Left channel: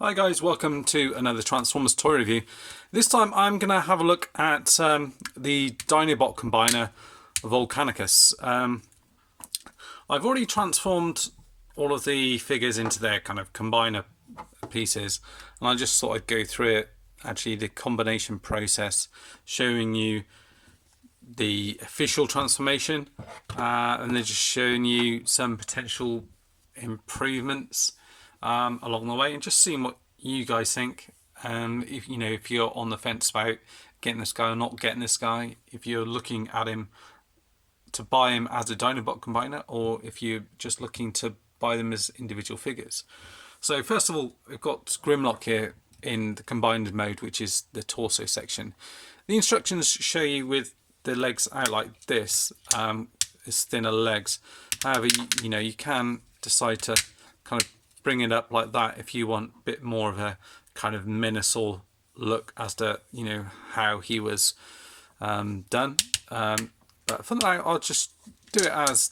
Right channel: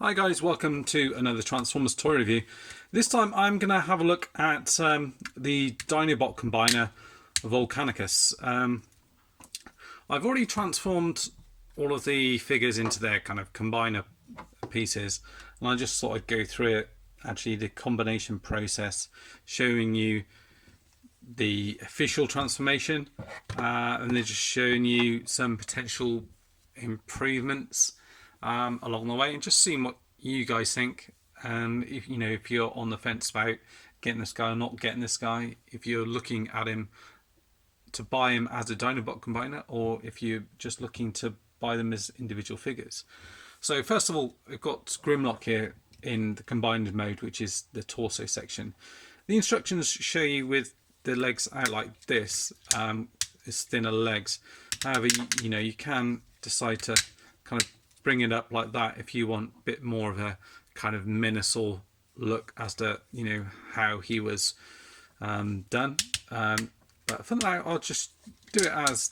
Hi guys, welcome to another Transformers toy review. This time I'm going to have a look at the Dinobot combiner Volcanicus. I've already transformed all of the figures into their kind of combiner pieces, and I just thought I'd go through it, actually the combination process, showing you the official transformation and then just showing you some potential improvements along the way, and just seeing what you guys think. If you're on the fence about getting this guy or not getting this guy, if you're looking at him to buy him as a Dinobot combiner, or if you're just looking to buy them as individual figures. So first of all, we've got Grimlock here in the combined mode, which is the torso section. The instructions show you with the legs out like this, it's thinner legs. However, you can decide to kind of bring it up like that if you want a bit more of a kind of Minosaur look as to how he was done. But for now, I'll just do it as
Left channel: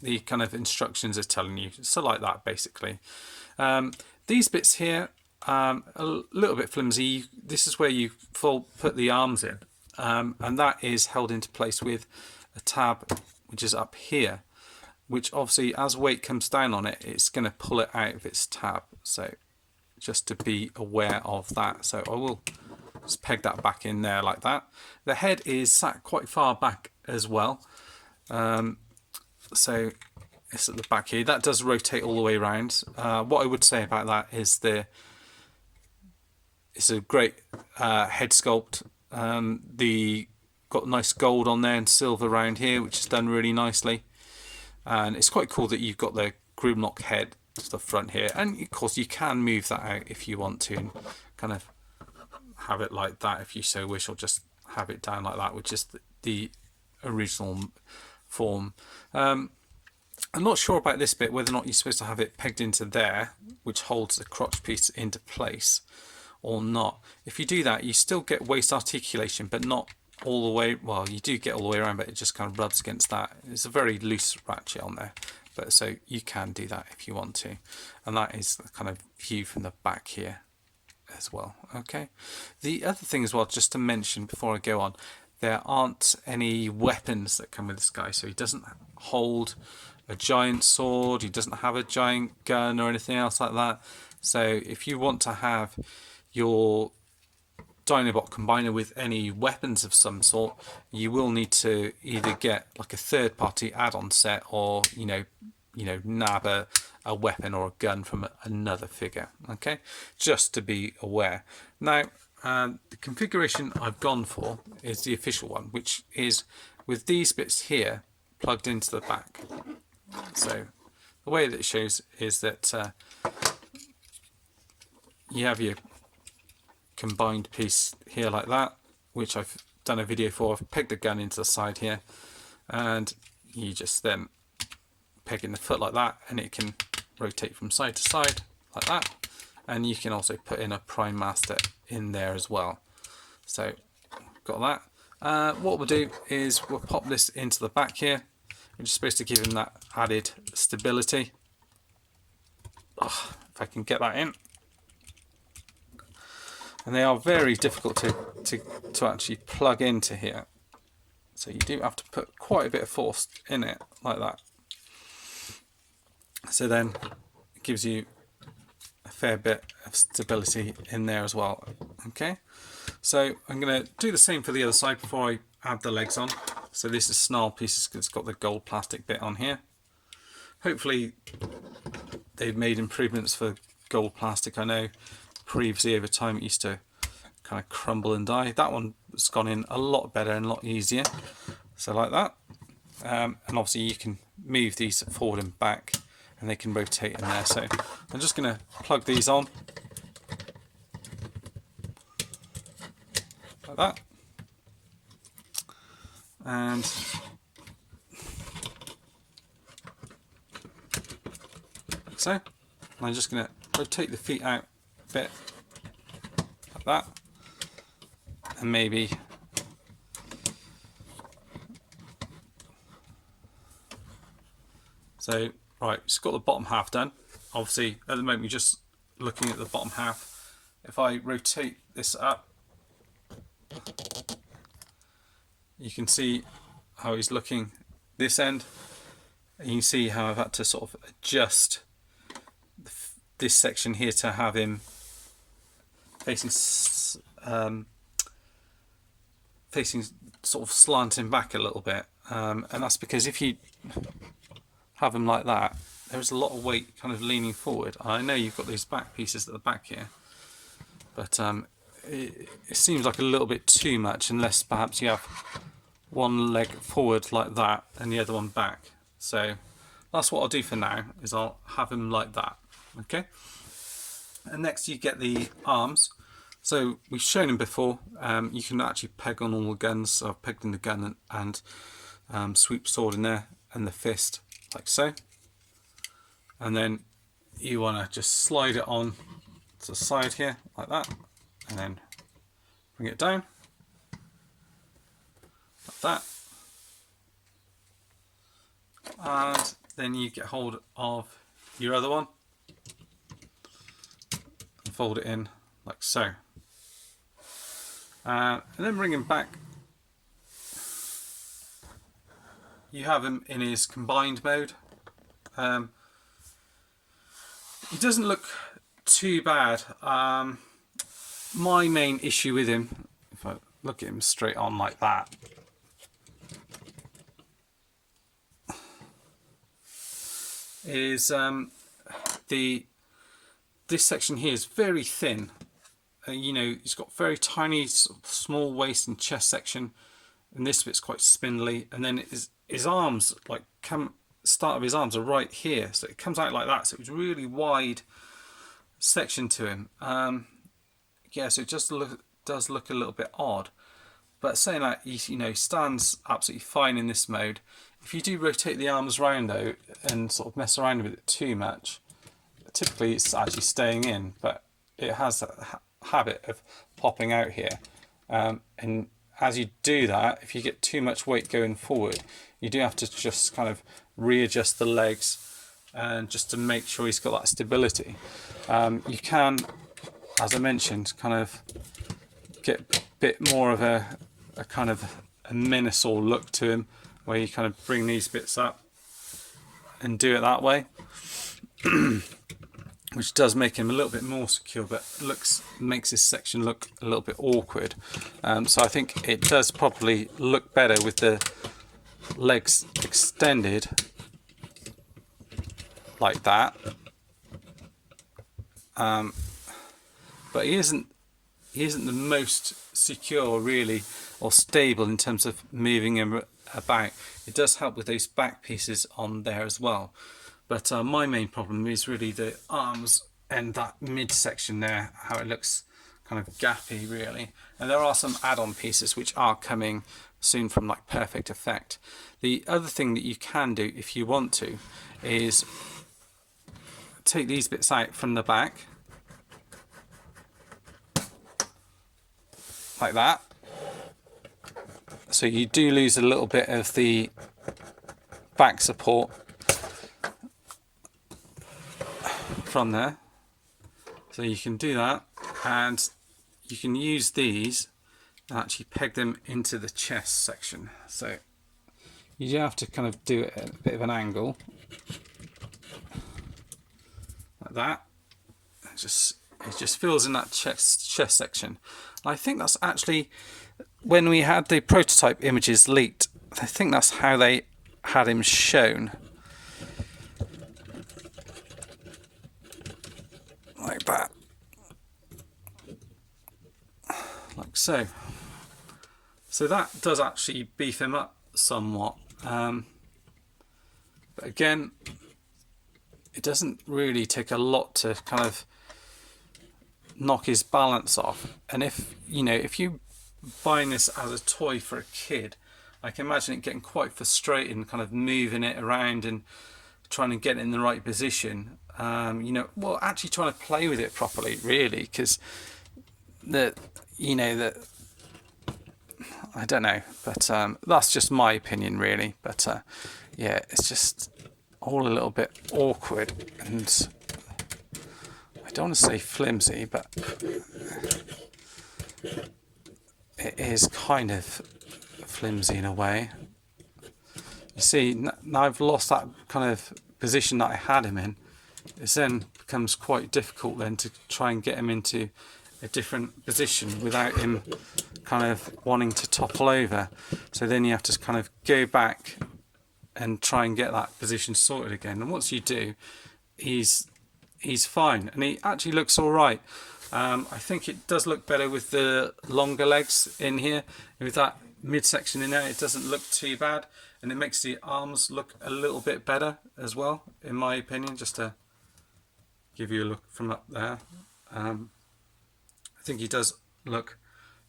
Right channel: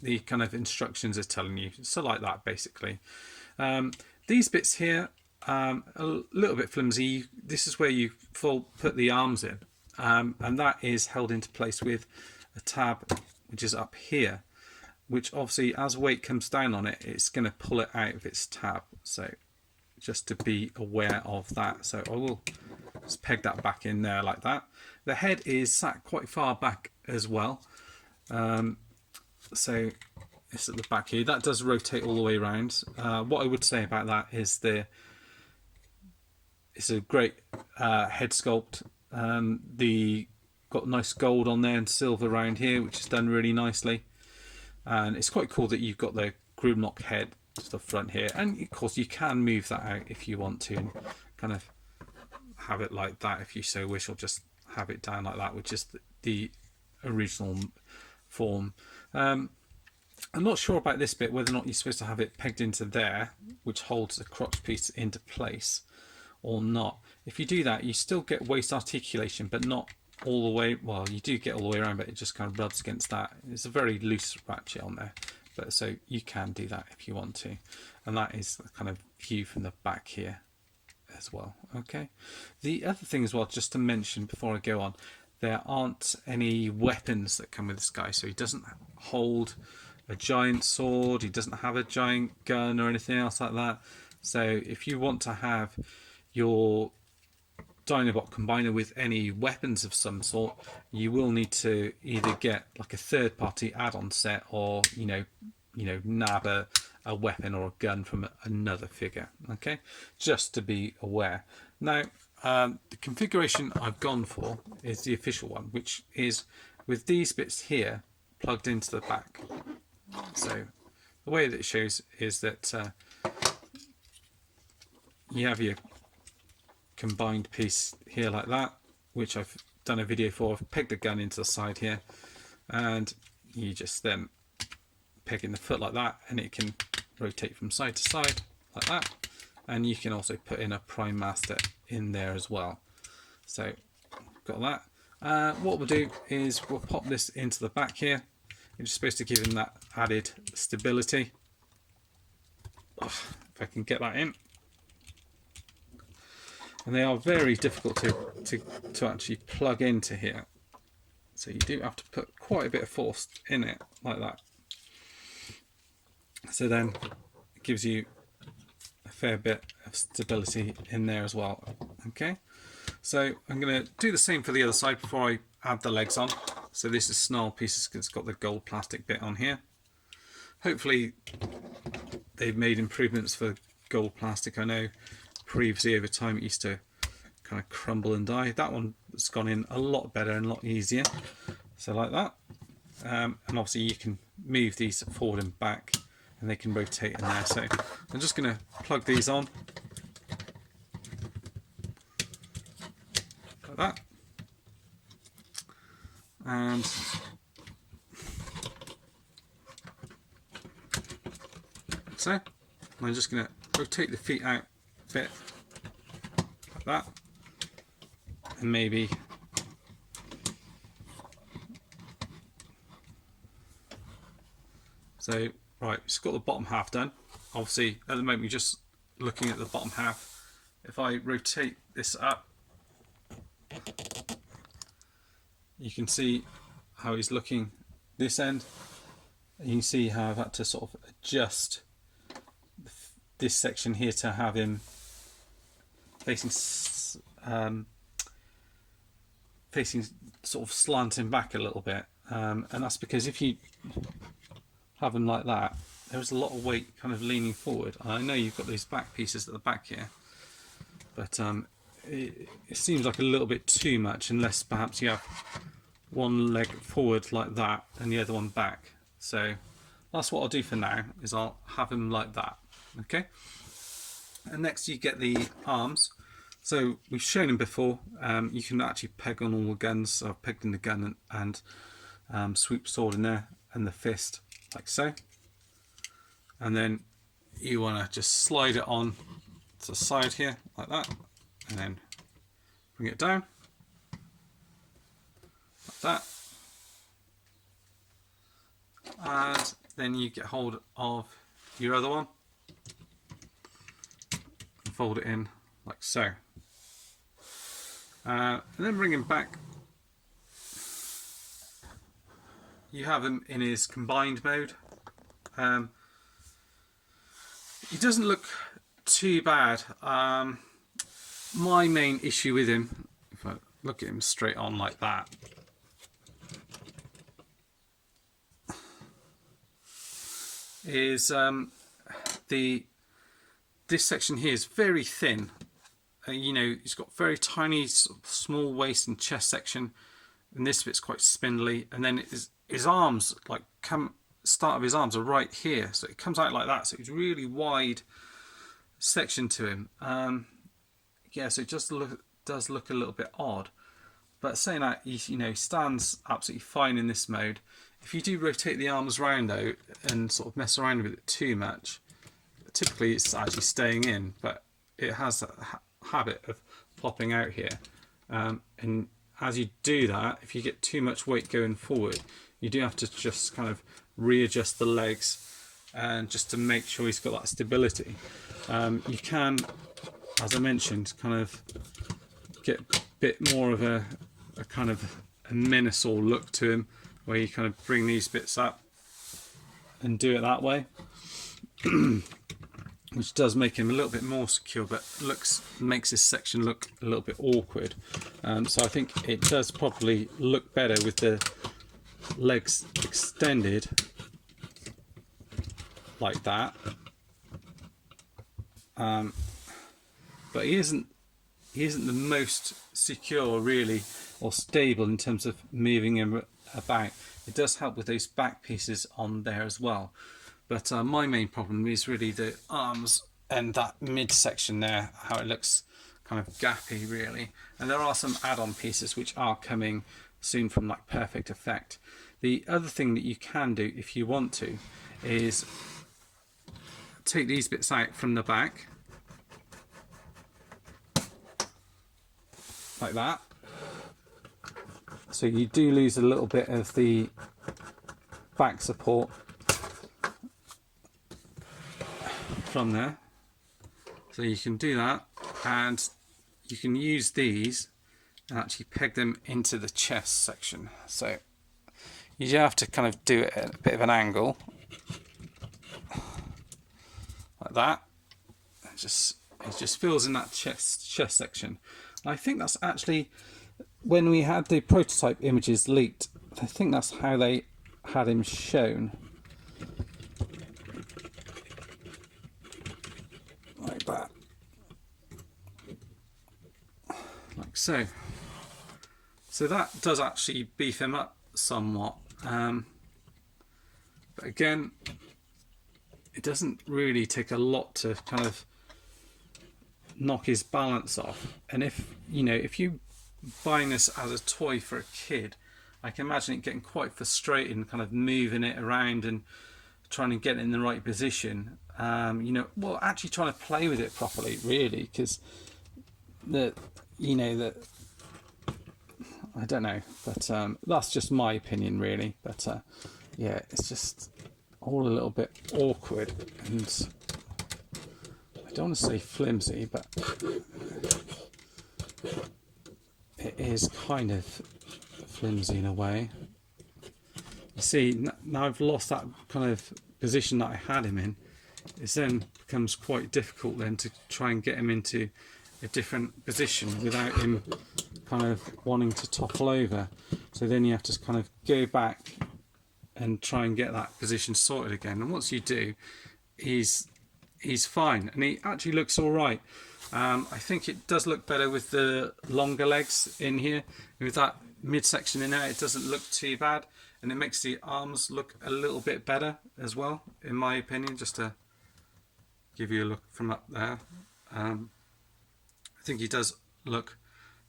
the kind of instructions are telling you. So like that, basically. These bits here, a little bit flimsy. This is where you put the arms in, and that is held into place with a tab which is up here, which obviously as weight comes down on it, it's going to pull it out of its tab. So just to be aware of that. So I will just peg that back in there like that. The head is sat quite far back as well. So it's at the back here. That does rotate all the way around. What I would say about that is it's a great head sculpt. Got nice gold on there and silver around here, which is done really nicely. And it's quite cool that you've got the Grimlock head to the front here, and of course you can move that out if you want to, and kind of have it like that if you so wish, or just have it down like that, which is the original form. I'm not sure about this bit, whether or not you're supposed to have it pegged into there, which holds the crotch piece into place, or not. If you do that, you still get waist articulation, but not all the way. Well, you do get all the way around, but it just kind of rubs against that. It's a very loose ratchet on there, but so you can do that if you want to. And that is the kind of view from the back here as well. Okay, the other thing as well, just to mention before I go on, there aren't any weapons that come with this guy. So he doesn't hold a giant sword, he doesn't have a giant gun or anything else like that. So if you want to have your Dinobot combiner with any weapons of some sort, you will need to either get like a third-party add-on set, or nab a weapon or a gun from another figure. Okay, just to be aware. Now, the configuration I've gone for is the official one, which is with these bits here plugged into the back. So the way that it shows is that you have your combined piece here like that, which I've done a video for. I've pegged the gun into the side here, and you just then peg in the foot like that, and it can rotate from side to side like that. And you can also put in a prime master in there as well. So got that. What we'll do is we'll pop this into the back here, which is supposed to give him that added stability. If I can get that in. And they are very difficult to actually plug into here. So you do have to put quite a bit of force in it, like that. So then it gives you a fair bit of stability in there as well. Okay, so I'm going to do the same for the other side before I add the legs on. So this is snarl pieces because it's got the gold plastic bit on here. Hopefully they've made improvements for gold plastic. I know previously over time it used to kind of crumble and die. That one has gone in a lot better and a lot easier. So like that. And obviously you can move these forward and back, and they can rotate in there. So I'm just going to plug these on like that, and like so. And I'm just going to rotate the feet out a bit like that, and maybe so. Right, it's got the bottom half done. Obviously at the moment you're just looking at the bottom half. If I rotate this up, you can see how he's looking this end. You can see how I've had to sort of adjust this section here to have him facing sort of slanting back a little bit, and that's because if you have him like that, there's a lot of weight kind of leaning forward. I know you've got these back pieces at the back here, but it seems like a little bit too much, unless perhaps you have one leg forward like that and the other one back. So that's what I'll do for now, is I'll have him like that. Okay, and next you get the arms. So we've shown him before, you can actually peg on all the guns. So I've pegged in the gun and sweep sword in there, and the fist, like so. And then you want to just slide it on to the side here, like that, and then bring it down, like that. And then you get hold of your other one and fold it in like so. And then bring him back. You have him in his combined mode. He doesn't look too bad. My main issue with him, if I look at him straight on like that, is this section here is very thin. You know, he's got very tiny, small waist and chest section, and this bit's quite spindly. And then his arms, like, start of his arms are right here, so it comes out like that. So it's really wide section to him. Yeah, so it just does look a little bit odd. But saying that, you know, stands absolutely fine in this mode. If you do rotate the arms round though and sort of mess around with it too much, typically it's actually staying in, but it has that habit of popping out here. And as you do that, if you get too much weight going forward, you do have to just kind of readjust the legs, and just to make sure he's got that stability. You can, as I mentioned, kind of get a bit more of a kind of a menacing look to him, where you kind of bring these bits up and do it that way, which does make him a little bit more secure, but makes this section look a little bit awkward. So I think it does probably look better with the legs extended like that. But he isn't the most secure really, or stable in terms of moving him about. It does help with those back pieces on there as well, but my main problem is really the arms and that midsection there, how it looks kind of gappy really. And there are some add-on pieces which are coming soon from like Perfect Effect. The other thing that you can do if you want to is take these bits out from the back like that. So you do lose a little bit of the back support from there. So you can do that, and you can use these and actually peg them into the chest section. So you do have to kind of do it at a bit of an angle like that. It just fills in that chest section. And I think that's actually, when we had the prototype images leaked, I think that's how they had him shown. Like that. Like so. So that does actually beef him up somewhat. But again, it doesn't really take a lot to kind of knock his balance off. And if you buying this as a toy for a kid, I can imagine it getting quite frustrating, kind of moving it around and trying to get it in the right position. Well, actually trying to play with it properly, really, because I don't know, but that's just my opinion, really. But yeah, it's just all a little bit awkward, and I don't want to say flimsy, but it is kind of flimsy in a way. You see, now I've lost that kind of position that I had him in. It then becomes quite difficult then to try and get him into a different position without him kind of wanting to topple over. So then you have to kind of go back and try and get that position sorted again. And once you do, he's fine, and he actually looks all right. I think it does look better with the longer legs in here. With that midsection in there, it doesn't look too bad, and it makes the arms look a little bit better as well, in my opinion, just to give you a look from up there. I think he does look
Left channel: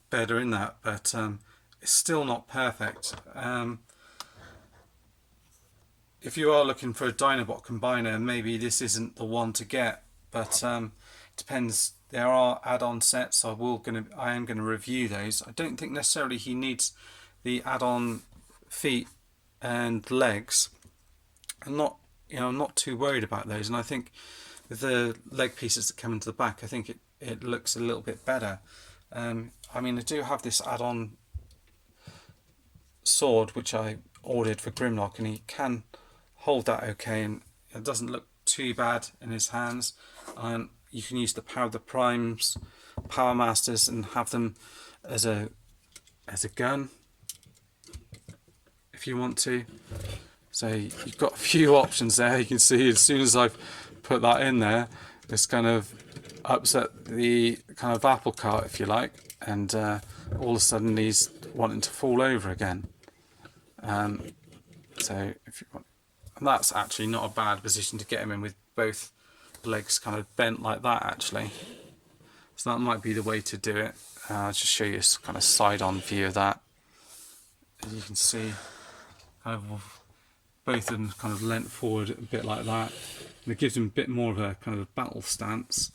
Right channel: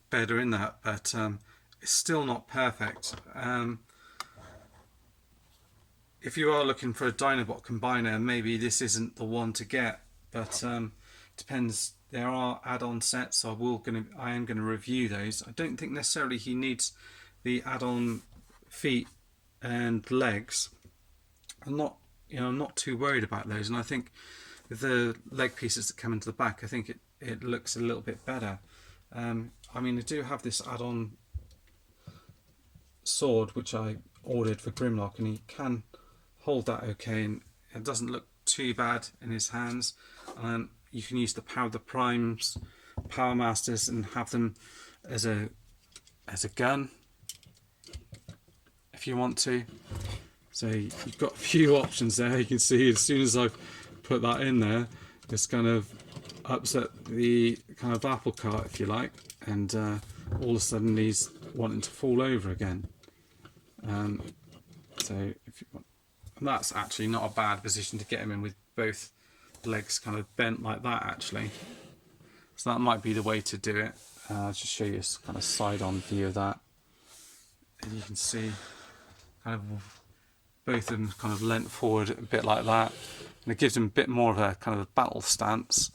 better in that, but it's still not perfect. If you are looking for a Dinobot combiner, maybe this isn't the one to get, but depends. There are add-on sets, so I am gonna review those. I don't think necessarily he needs the add-on feet and legs. I'm not too worried about those, and I think with the leg pieces that come into the back, I think it looks a little bit better. I mean, I do have this add-on sword which I ordered for Grimlock, and he can hold that okay, and it doesn't look too bad in his hands. You can use the Primes, Power Masters, and have them as a gun if you want to. So you've got a few options there. You can see as soon as I've put that in there, it's kind of upset the kind of apple cart, if you like, and all of a sudden he's wanting to fall over again. So if you want, and that's actually not a bad position to get him in, with both legs kind of bent like that actually. So that might be the way to do it. I'll just show you a kind of side-on view of that. As you can see, kind of both of them kind of leant forward a bit like that. And it gives him a bit more of a kind of a battle stance.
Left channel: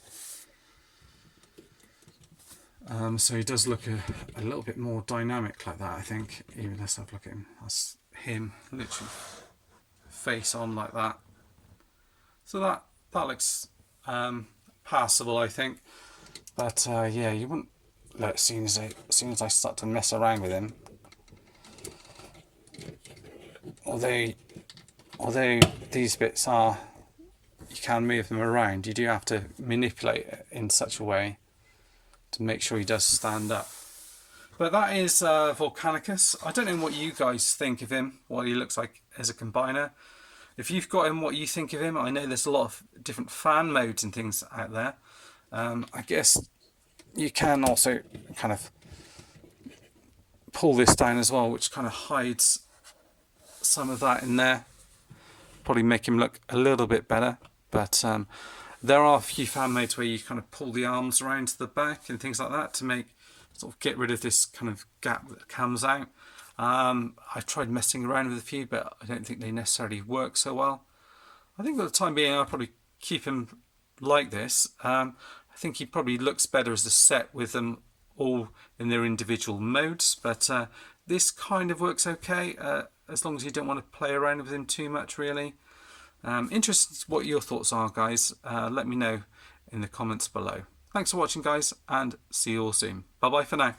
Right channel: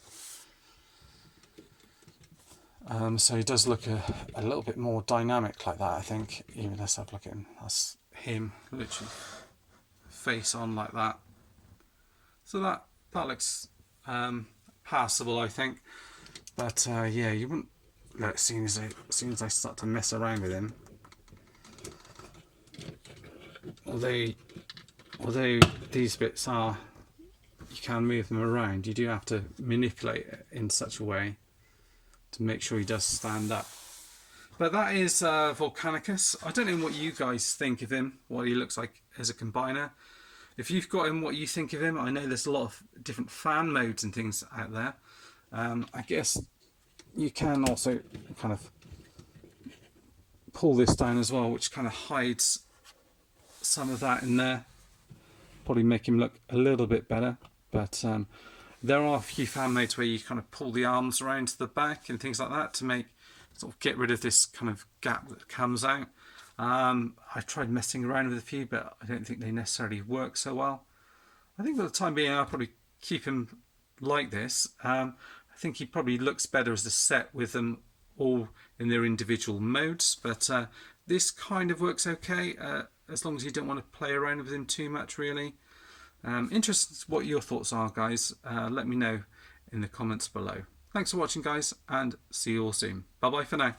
So he does look a little bit more dynamic like that, I think. Even let's have a look at him. That's him, literally face on like that. So that looks passable, I think. But yeah, you wouldn't look as soon as I start to mess around with him. Although these bits are, you can move them around, you do have to manipulate it in such a way to make sure he does stand up. But that is Volcanicus. I don't know what you guys think of him, what he looks like as a combiner. If you've got him, what you think of him. I know there's a lot of different fan modes and things out there. I guess you can also kind of pull this down as well, which kind of hides some of that in there. Probably make him look a little bit better. But there are a few fan modes where you kind of pull the arms around to the back and things like that to sort of get rid of this kind of gap that comes out. I've tried messing around with a few, but I don't think they necessarily work so well. I think for the time being, I'll probably keep him like this. I think he probably looks better as a set with them all in their individual modes, but this kind of works okay, as long as you don't want to play around with him too much, really. Interested what your thoughts are, guys. Let me know in the comments below. Thanks for watching, guys, and see you all soon. Bye bye for now.